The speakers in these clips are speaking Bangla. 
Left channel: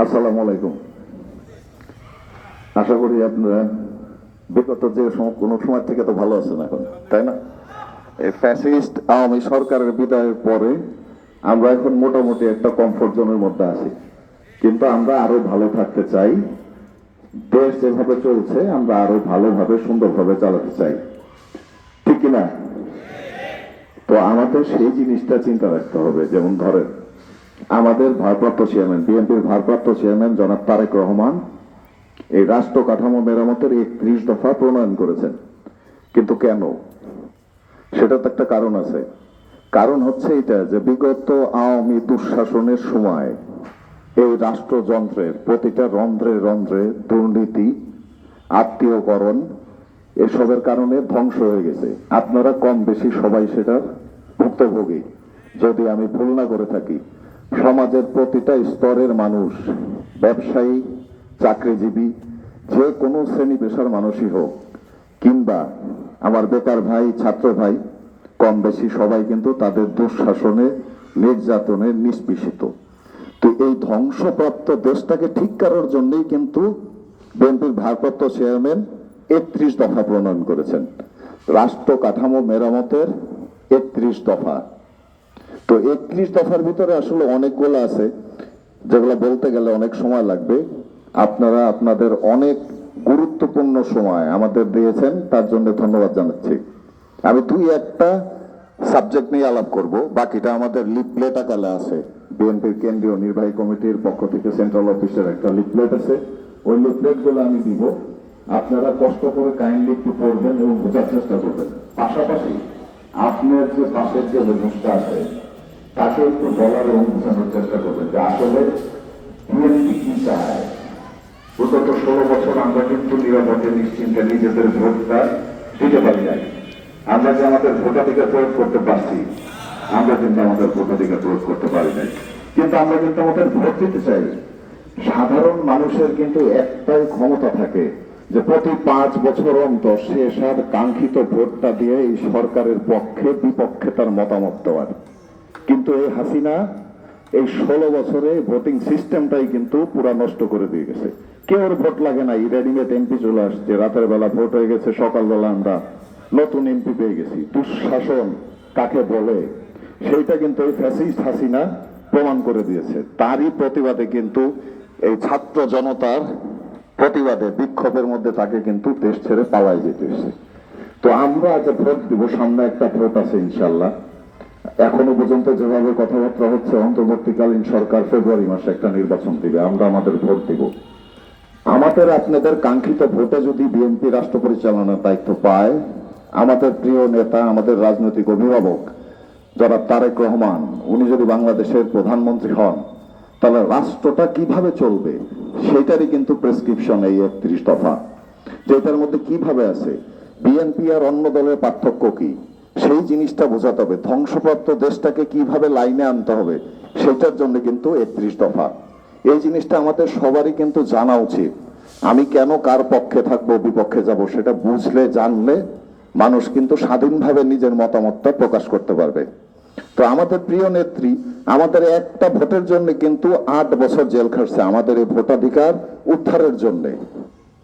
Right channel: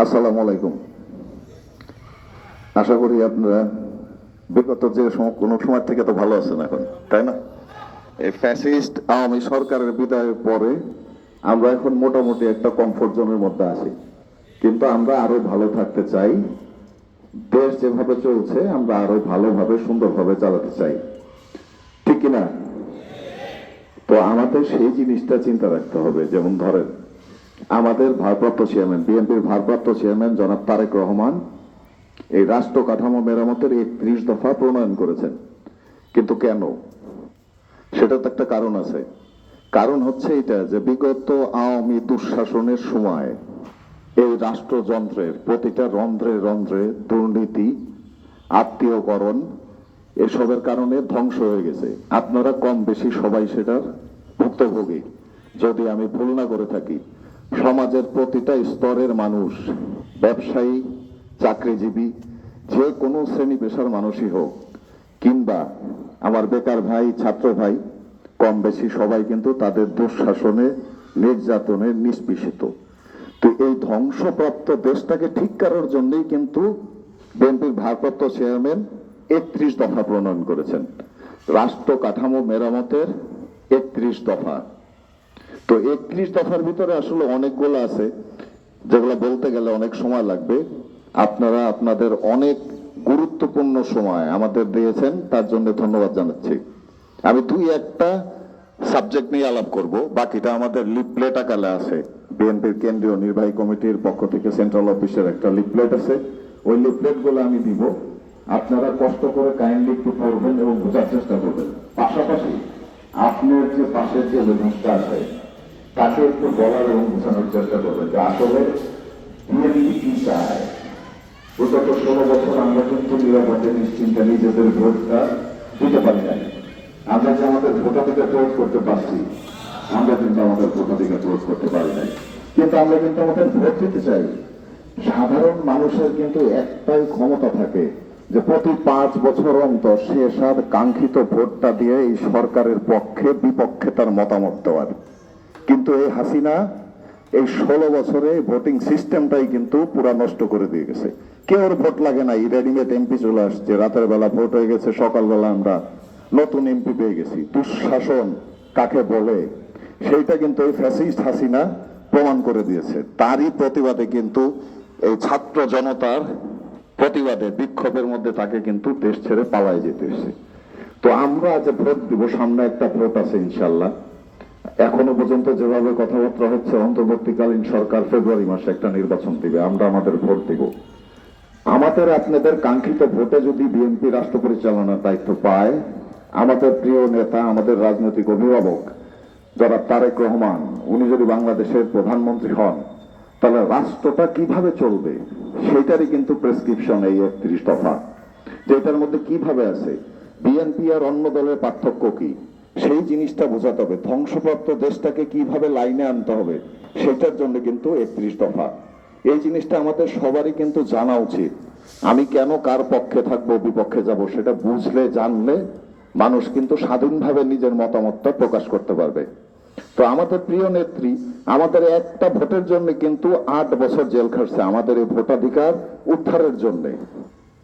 আসসালামু আলাইকুম। আশা করি আপনারা বিগত যে কোনো সময় থেকে তো ভালো আছেন এখন, তাই না? ফ্যাসিস্ট আওয়ামী সরকারের বিদায়ের পরে আমরা এখন মোটামুটি একটা কমফোর্ট জোনের মধ্যে আছি। কিন্তু আমরা আরও ভালো থাকতে চাই। দেশ যেভাবে চলছে, আমরা আরও ভালোভাবে, সুন্দরভাবে চালাতে চাই। ঠিক কিনা? তো আমাদের সেই জিনিসটা চিন্তা রাখতে হবে। যেমন ধরেন আমাদের ভারপ্রাপ্ত চেয়ারম্যান, বিএনপির ভারপ্রাপ্ত চেয়ারম্যান জনাব তারেক রহমান এই রাষ্ট্র কাঠামো মেরামতের একত্রিশ দফা প্রণয়ন করেছেন। কিন্তু কেন? সেটা তো একটা কারণ আছে। কারণ হচ্ছে এটা যে বিগত আওয়ামী দুঃশাসনের সময় এই রাষ্ট্রযন্ত্রের প্রতিটা রন্ধ্রে রন্ধ্রে দুর্নীতি, আত্মীয়করণ এসবের কারণে ধ্বংস হয়ে গেছে। আপনারা কম বেশি সবাই সেটার ভুক্তভোগী। যদি আমি ভুল না করে থাকি সমাজের প্রতিটা স্তরের মানুষ, ব্যবসায়ী, চাকরিজীবী, যে কোনো শ্রেণি পেশার মানুষই হোক, কিংবা আমার বেকার ভাই, ছাত্র ভাই, কম বেশি সবাই কিন্তু তাদের দুঃশাসনে, নির্যাতনে নিষ্পেষিত। তো এই ধ্বংসপ্রাপ্ত দেশটাকে ঠিক করার জন্যই কিন্তু বিএনপির ভারপ্রাপ্ত চেয়ারম্যান একত্রিশ দফা প্রণয়ন করেছেন। রাষ্ট্র কাঠামো মেরামতের একত্রিশ দফা। তো একত্রিশ দফার ভিতরে আসলে অনেকগুলো আছে, যেগুলো বলতে গেলে অনেক সময় লাগবে। আপনারা আপনাদের অনেক গুরুত্বপূর্ণ সময় আমাদের দিয়েছেন, তার জন্য ধন্যবাদ জানাচ্ছি। আমি দুই একটা সাবজেক্ট নিয়ে আলাপ করব, বাকিটা আমাদের লিপলেট আকালে আছে। বিএনপির কেন্দ্রীয় নির্বাহী কমিটির পক্ষ থেকে সেন্ট্রাল অফিসের একটা লিপলেট আছে। ওই লিপলেটগুলো আমি দিব। আপনারা কষ্ট করে কাইন্ডলি একটু পড়বেন এবং বোঝার চেষ্টা করবেন। পাশাপাশি আপনার যে পাশের যে মানুষটা আছে তাকে একটু বলার এবং বোঝানোর চেষ্টা করবে যে আসলে বিএনপি কি চায়? বিগত ষোলো বছর আমরা কিন্তু নিরাপদে নিশ্চিন্তে নিজেদের ভোটটা দিতে পারি নাই। আমরা যে আমাদের ভোটাধিকার প্রয়োগ করতে পারছি, আমরা কিন্তু আমাদের ভোটাধিকার প্রয়োগ করতে পারি নাই। কিন্তু আমরা কিন্তু আমাদের ভোট দিতে চাই। সাধারণ মানুষের কিন্তু একটাই ক্ষমতা থাকে যে প্রতি পাঁচ বছর অন্তর আর কাঙ্ক্ষিত ভোটটা দিয়ে এই সরকারের পক্ষে, বিপক্ষে তার মতামত দেওয়ার। কিন্তু এই হাসিনা এই ষোলো বছরে ভোটিং সিস্টেমটাই কিন্তু পুরা নষ্ট করে দিয়ে গেছে। কেউ ভোট লাগে না রেডিমেড এমপি চলে আসছে, রাতের বেলা ভোট হয়ে গেছে, সকালবেলা আমরা নতুন এমপি পেয়ে গেছি। দুঃশাসন কাকে বলে? সেইটা কিন্তু ওই ফ্যাসিস্ট হাসিনা প্রমাণ করে দিয়েছে। তারই প্রতিবাদে কিন্তু এই ছাত্র জনতার প্রতিবাদে, বিক্ষোভের মধ্যে তাকে কিন্তু দেশ ছেড়ে পালাই যেতে হয়েছে। তো আমরা আজ ভোট দিব, সামনে একটা ভোট আছে ইনশাল্লাহ। এখনও পর্যন্ত যেভাবে কথাবার্তা হচ্ছে, অন্তর্বর্তীকালীন সরকার ফেব্রুয়ারি মাসে একটা নির্বাচন দিবে, আমরা আমাদের ভোট দিব। আমাদের আপনাদের কাঙ্ক্ষিত ভোটে যদি বিএনপি রাষ্ট্র পরিচালনার দায়িত্ব পায়, আমাদের প্রিয় নেতা, আমাদের রাজনৈতিক অভিভাবক, যারা তারেক রহমান, উনি যদি বাংলাদেশের প্রধানমন্ত্রী হন, তাহলে রাষ্ট্রটা কীভাবে চলবে? সেটারই কিন্তু প্রেসক্রিপশন এই একত্রিশ দফা। যেটার মধ্যে কীভাবে আছে? বিএনপি আর অন্য দলের পার্থক্য কি? সেই জিনিসটা বোঝাতে হবে। ধ্বংসপ্রাপ্ত দেশটাকে কীভাবে লাইনে আনতে হবে সেটার জন্য কিন্তু একত্রিশ দফা। এই জিনিসটা আমাদের সবারই কিন্তু জানা উচিত। আমি কেন কার পক্ষে থাকব, বিপক্ষে যাব, সেটা বুঝলে, জানলে মানুষ কিন্তু স্বাধীনভাবে নিজের মতামতটা প্রকাশ করতে পারবে। তো আমাদের প্রিয় নেত্রী, আমাদের একটা ভোটের জন্য কিন্তু আট বছর জেল খাটছে, আমাদের এই ভোটাধিকার উদ্ধারের জন্য।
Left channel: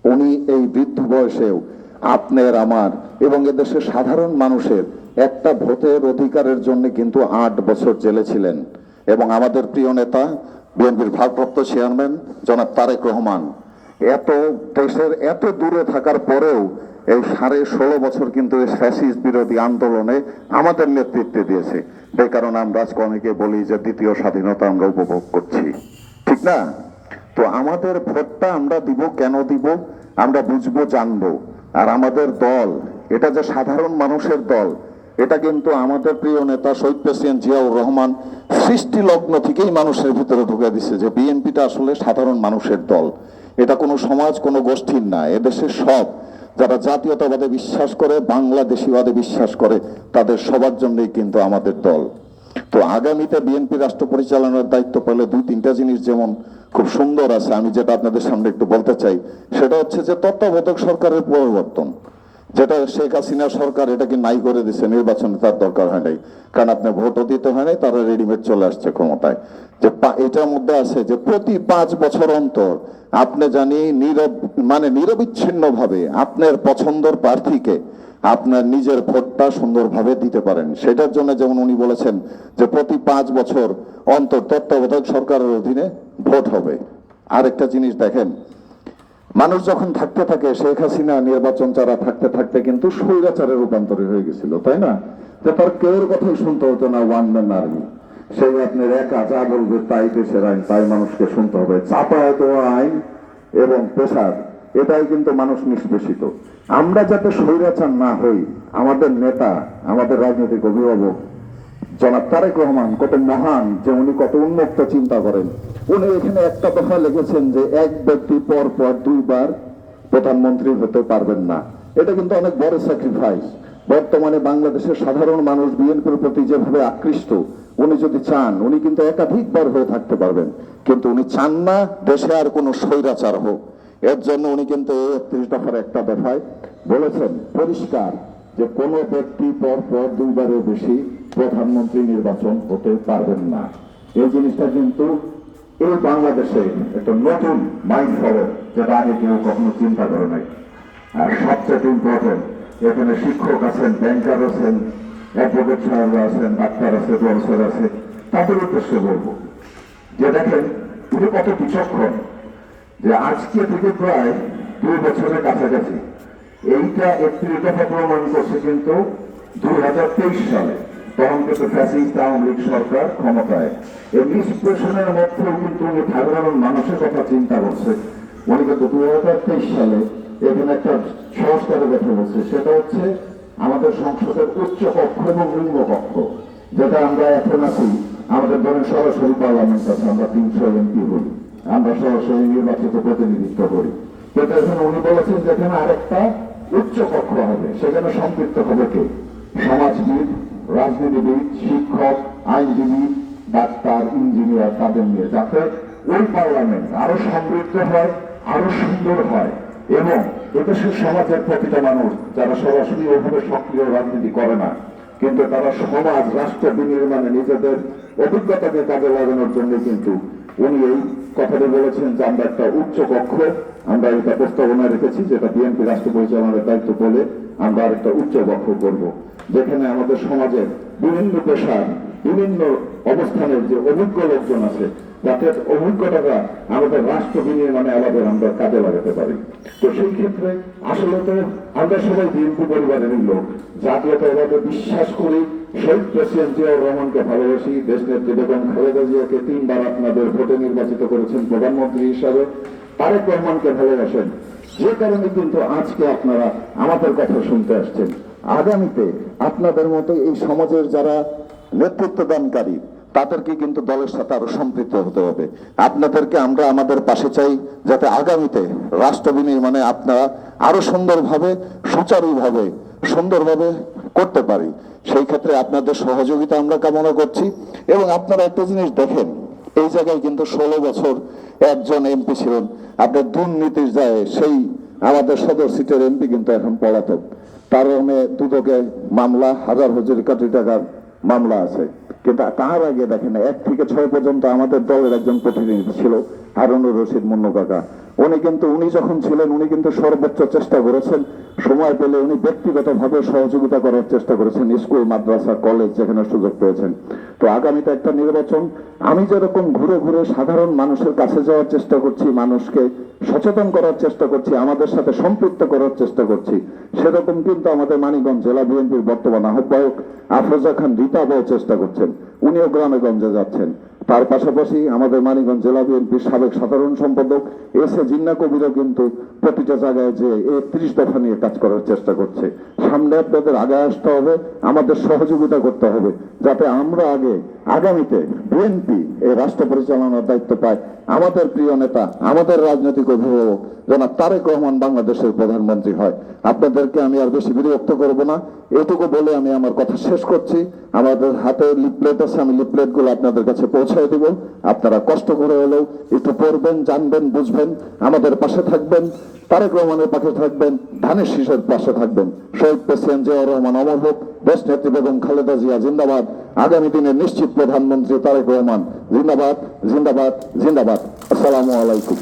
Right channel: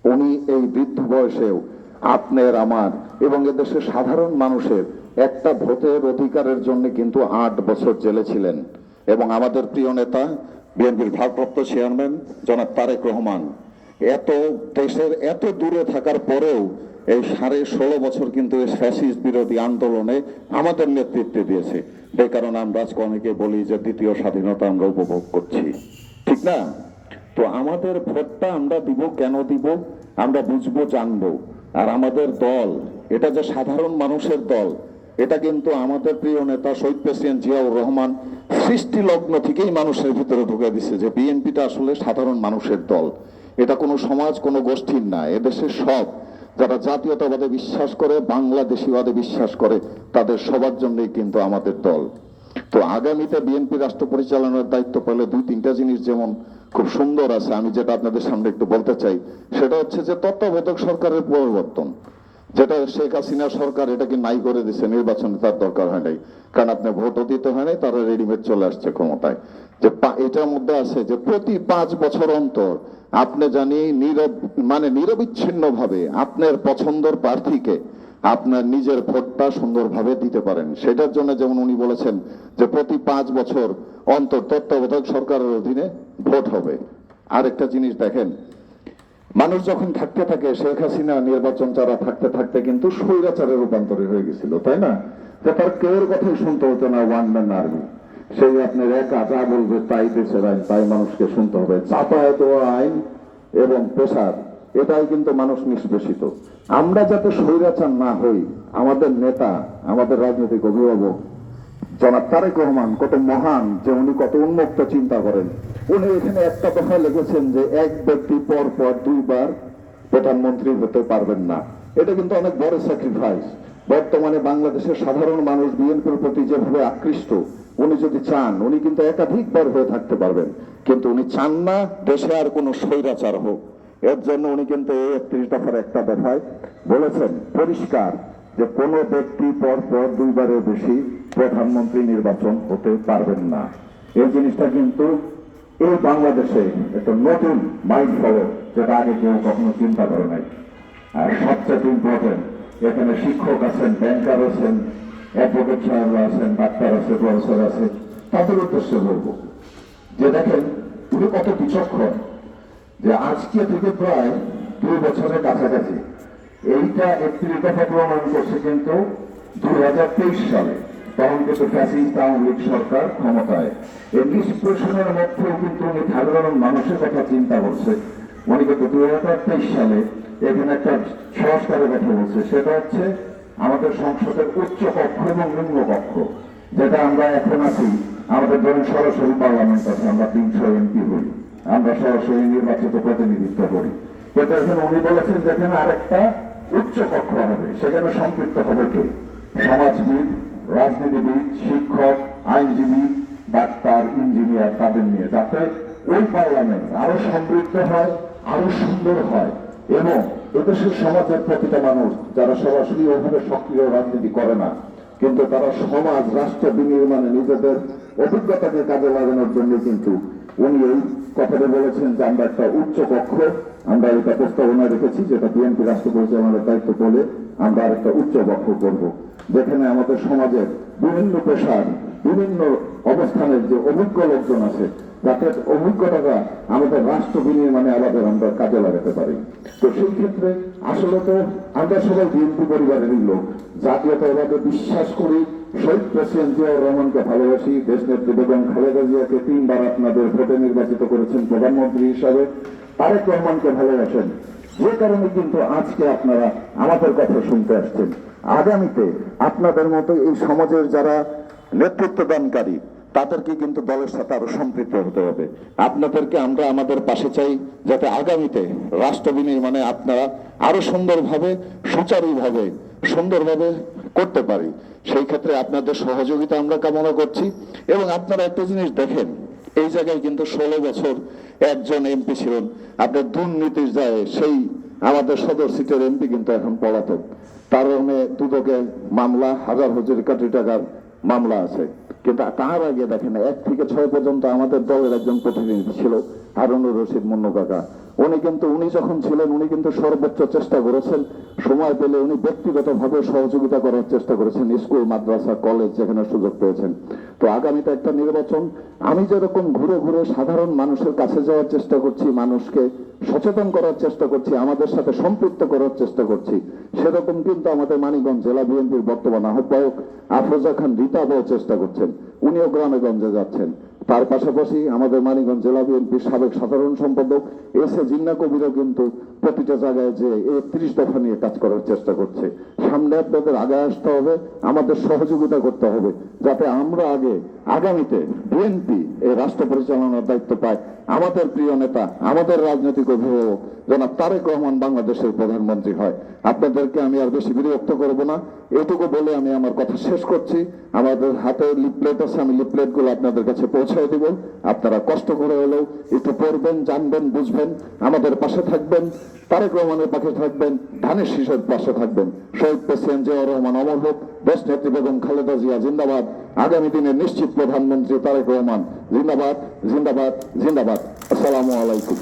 উনি এই বৃদ্ধ বয়সেও আপনার, আমার এবং এদেশের সাধারণ মানুষের একটা ভোটের অধিকারের জন্য কিন্তু আট বছর জেলে ছিলেন। এবং আমাদের প্রিয় নেতা, বিএনপির ভারপ্রাপ্ত চেয়ারম্যান, জনাব তারেক রহমান। এত দেশের এত দূরে থাকার পরেও এই সাড়ে ষোলো বছর কিন্তু এই বিরোধী আন্দোলনে আমাদের নেতৃত্বে দিয়েছে। এই কারণে আমরা আজকে অনেকে বলি যে দ্বিতীয় স্বাধীনতা আমরা উপভোগ করছি। ঠিক না? তো আমাদের ভোটটা আমরা দিব কেন দিব? আমরা বুঝব, জানব। আর আমাদের দল, এটা যে সাধারণ মানুষের দল এটা কিন্তু আমাদের প্রিয় নেতা শহীদ প্রেসিডেন্ট জিয়াউর রহমান সৃষ্টি লগ্ন থেকেই মানুষের ভিতরে ঢুকে দিচ্ছে যে বিএনপিটা আসলে সাধারণ মানুষের দল। এটা কোনো সমাজ, কোনো গোষ্ঠীর না, এদেশের সব। যারা জাতীয়তাবাদে বিশ্বাস করে, বাংলাদেশিবাদে বিশ্বাস করে, তাদের সবার জন্যই কিন্তু আমাদের দল। তো আগামীতে বিএনপি রাষ্ট্র পরিচালনার দায়িত্ব পেলে দুই তিনটা জিনিস যেমন খুব সুন্দর আছে, আমি যেটা আপনাদের সামনে একটু বলতে চাই, সেটা হচ্ছে যে তত্ত্বাবধায়ক সরকারের পরিবর্তন। যেটা শেখ হাসিনা সরকার এটাকে নাই করে দিচ্ছে নির্বাচনে তার দরকার হয় নাই। কারণ আপনি ভোটও দিতে হয় নাই, তারা রেডিমেড চলে আসছে ক্ষমতায়। যে এটার মধ্যে আছে যে প্রতি পাঁচ বছর অন্তর আপনি জানি নীরব মানে নিরবিচ্ছিন্ন ভাবে আপনার পছন্দের প্রার্থীকে আপনার নিজের ভোটটা সুন্দরভাবে দিতে পারেন। সেটার জন্য যেমন উনি বলেছেন যে প্রতি পাঁচ বছর অন্তর তত্ত্বাবধায়ক সরকারের অধীনে ভোট হবে। আরেকটা জিনিস দেখেন মানুষ যখন থাকতে থাকে, শেখ হাসিনা নির্বাচন চারা থাকতে থাকতে কিন্তু স্বৈরাচারে রূপান্তরিত হয়ে গেছিল, তাই না? যে তার কেউর কথাই শুনতে হতো না, ওয়ান ম্যান আর্মি। সেই আপনার একা যা বলবে তাই দেশের আইন, তাই মানুষকে শুনতে হবে। চাপায়াত আইন এবং পেশার, এটাই কিন্তু মানুষ নিষ্পেষিত। আমরা যাতে স্বৈরাচার না হই, আমাদের নেতা, আমাদের রাজনৈতিক অভিভাবক জনাব তারেক রহমান কত মহান যে উনি কত উন্মুক্ত চিন্তা করেন। উনি এখানে একটা কথা লিখেছেন যে এক ব্যক্তি পর পর দুইবার প্রধানমন্ত্রী হতে পারবেন না। এটা কিন্তু অনেক বড় স্যাক্রিফাইস বর্তমানে বাংলাদেশের সাধারণ মানুষ বিএনপির প্রতি যেভাবে আকৃষ্ট, উনি যদি চান, উনি কিন্তু একাধিকবার হয়ে থাকতে পারবেন। কিন্তু উনি চান না, দেশে আর কোনো স্বৈরাচার হোক। এর জন্য উনি কিন্তু একত্রিশ দফার একটা দফায় বলেছেন, পরিষ্কার যে কোনো ব্যক্তি পর পর দুইবারের বেশি প্রধানমন্ত্রী নির্বাচন হতে পারবেন না। এই জিনিসটা কিন্তু এই বাংলাদেশে একটা নতুন মাইন্ড ফলো, যেটা আগে কেউ কখনো চিন্তা করে নাই। আর সবচেয়ে ইম্পর্টেন্ট এখানে শিক্ষক আছেন ব্যাংকার আছেন অ্যাডভোকেট আছেন ডাক্তার আছে প্রফেসর আছে, তাদের উদ্দেশ্য বলব যে দেখেন, উনি কত বিচক্ষণ যে আজকে থেকে প্রায় দুই বছরের কাছাকাছি এইটা একত্রিশ দফা প্রমাণ করছে কিন্তু দুই হাজার তেইশ সালে। তখন কিন্তু ফ্যাসিস্ট আওয়ামী লীগ সরকার ক্ষমতায়। এই নিষ্পেষণের মধ্যেও কিন্তু উনি সাধারণ মানুষের কথা চিন্তা করছে। উনি কিন্তু দুই হাজার তেইশ সালে এখানে একটা সংস্কারের কথা বলছে। সেটা হচ্ছে আমাদের সংসদের উচ্চ কক্ষ এবং নিম্ন কক্ষ, যেটা আমরা এখন আছি। আমাদের ধরুন সরাসরি পার্লামেন্ট আছে, আমরা তিনশো এমপি বলি। আমরা সরাসরি নির্বাচিত প্রতিনিধিত্ব করি। কিন্তু এখন উনি বলেছেন যেখানে আরেকটা উচ্চ কক্ষ হবে, সেখানে সম্পৃক্ত হবে কে? সমাজবিদ, রাজনীতিবিদ, শিক্ষক, আইনজীবী, ডাক্তার, ইঞ্জিনিয়ার, তাদের নিয়ে। যাতে ওই পার্লামেন্ট আরও সমৃদ্ধ হয়, আরও সুন্দর হয়, এবং এদেশের সমাজের প্রতিটা মানুষ, যারা সরাসরি ওইভাবে সক্রিয় রাজনীতি করে না, কিন্তু তারা সমাজ, রাষ্ট্র বিনির্মাণে নিজেদের অভিজ্ঞতাকে কাজে লাগানোর জন্য কিন্তু উনি এই কথাটা বলেছেন যে আমরা একটা উচ্চ কক্ষ, আমরা এটা প্রস্তাবনা রেখেছি যেটা বিএনপি রাষ্ট্র পরিচালনার দায়িত্ব বলে আমরা আরেকটা উচ্চ কক্ষ করব। যেখানে আমাদের সমাজের বিভিন্ন পেশার, বিভিন্ন অবস্থানের যে অভিজ্ঞ লোকজন আছে যাতে অভিজ্ঞতাটা আমাদের রাষ্ট্র বিনির্মাণে আলাদা আমরা কাজে লাগাতে পারি। তো সেই ক্ষেত্রে আসলে তো আমরা সবাই বিএনপি পরিবারেরই লোক। জাতীয়তাবাদে বিশ্বাস করি শহীদ প্রেসিডেন্ট জিয়াউর রহমানকে ভালোবাসি, দেশ নেত্রী বেগম খালেদা জিয়াকে তিনবার আপনাদের ভোটে নির্বাচিত করেছেন প্রধানমন্ত্রী হিসাবে। তারেক রহমানকে ভালোবাসেন। যে কারণে কিন্তু আজকে আপনারা আমাদের কথা শুনতে আসছেন। আগামীতে আপনাদের মতো এই সমাজের যারা নেতৃত্ব দানকারী, তাদেরকে কিন্তু দলের সাথে আরও সম্পৃক্ত হতে হবে। আপনাদেরকে আমরা আমাদের পাশে চাই, যাতে আগামীতে রাষ্ট্র বিনির্মাণে আপনারা আরও সুন্দরভাবে, সুচারুভাবে, সুন্দরভাবে করতে পারি। সেই ক্ষেত্রে আপনাদের সহযোগিতা আমরা কামনা করছি। এবং আপনারা একটা জিনিস দেখেন, এই জায়গায় কিন্তু ষোলো বছর একজন এমপি ছিলেন। আপনার দুর্নীতির যায় সেই আমাদের সদর সিটের এমপি কিন্তু এখন পলাতক। তার কারণে দুদকে মামলা, হাজার হাজার কোটি টাকার মামলা আছে। কিন্তু তার আগে দেখেন, এক থেকে ছয় পর্যন্ত আমাদের দলের একজন প্রতিনিধি ছিল, হারুনুর রশিদ মুন্নু কাকা উনি কিন্তু, উনি যখন ছিলেন, উনি কিন্তু সর্বোচ্চ চেষ্টা করেছেন। সময় পেলে উনি ব্যক্তিগতভাবে সহযোগিতা করার চেষ্টা করেছেন, স্কুল, মাদ্রাসা, কলেজ যেখানে সুযোগ পেয়েছেন। তো আগামীতে একটা নির্বাচন। আমি যেরকম ঘুরে ঘুরে সাধারণ মানুষের কাছে যাওয়ার চেষ্টা করছি, মানুষকে সচেতন করার চেষ্টা করছি, আমাদের সাথে সম্পৃক্ত করার চেষ্টা করছি, সেরকম কিন্তু আমাদের মানিকগঞ্জ জেলা বিএনপির বর্তমান আহ্বায়ক আফরোজা খান রীতাবও চেষ্টা করছেন। উনিও গ্রামে গঞ্জে যাচ্ছেন। তার পাশাপাশি আমাদের মানিকগঞ্জ জেলা বিএনপির সাবেক সাধারণ সম্পাদক এস এ জিন্না কবিরও কিন্তু প্রতিটা জায়গায় যে একত্রিশ দফা নিয়ে কাজ করার চেষ্টা করছে। সামনে আপনাদের আগে আসতে হবে, আমাদের সহযোগিতা করতে হবে, যাতে আমরা আগে, আগামীতে বিএনপি এই রাষ্ট্র পরিচালনার দায়িত্ব পায়। আমাদের প্রিয় নেতা, আমাদের রাজনৈতিক অভিভাবক যেন তারেক রহমান বাংলাদেশের প্রধানমন্ত্রী হয়। আপনাদেরকে আমি আর বেশি বিরক্ত করব না। এটুকু বলে আমি আমার কথা শেষ করছি। আমাদের হাতে লিপলেট আছে, আমি লিপলেটগুলো আপনাদের কাছে পৌঁছায় দেব। আপনারা কষ্ট করে হলেও একটু পড়বেন, জানবেন, বুঝবেন। আমাদের পাশে থাকবেন, তারেক রহমানের পাশে থাকবেন, ধানের শীষের পাশে থাকবেন। শহীদ প্রেসিডেন্ট জিয়া রহমান অমর হোক বেস্ট নেত্রী বেগম খালেদা জিয়া জিন্দাবাদ। আগামী দিনের নিশ্চিত প্রধানমন্ত্রী তারেক রহমান জিন্দাবাদ জিন্দাবাদ জিন্দাবাদ। আসসালামু আলাইকুম।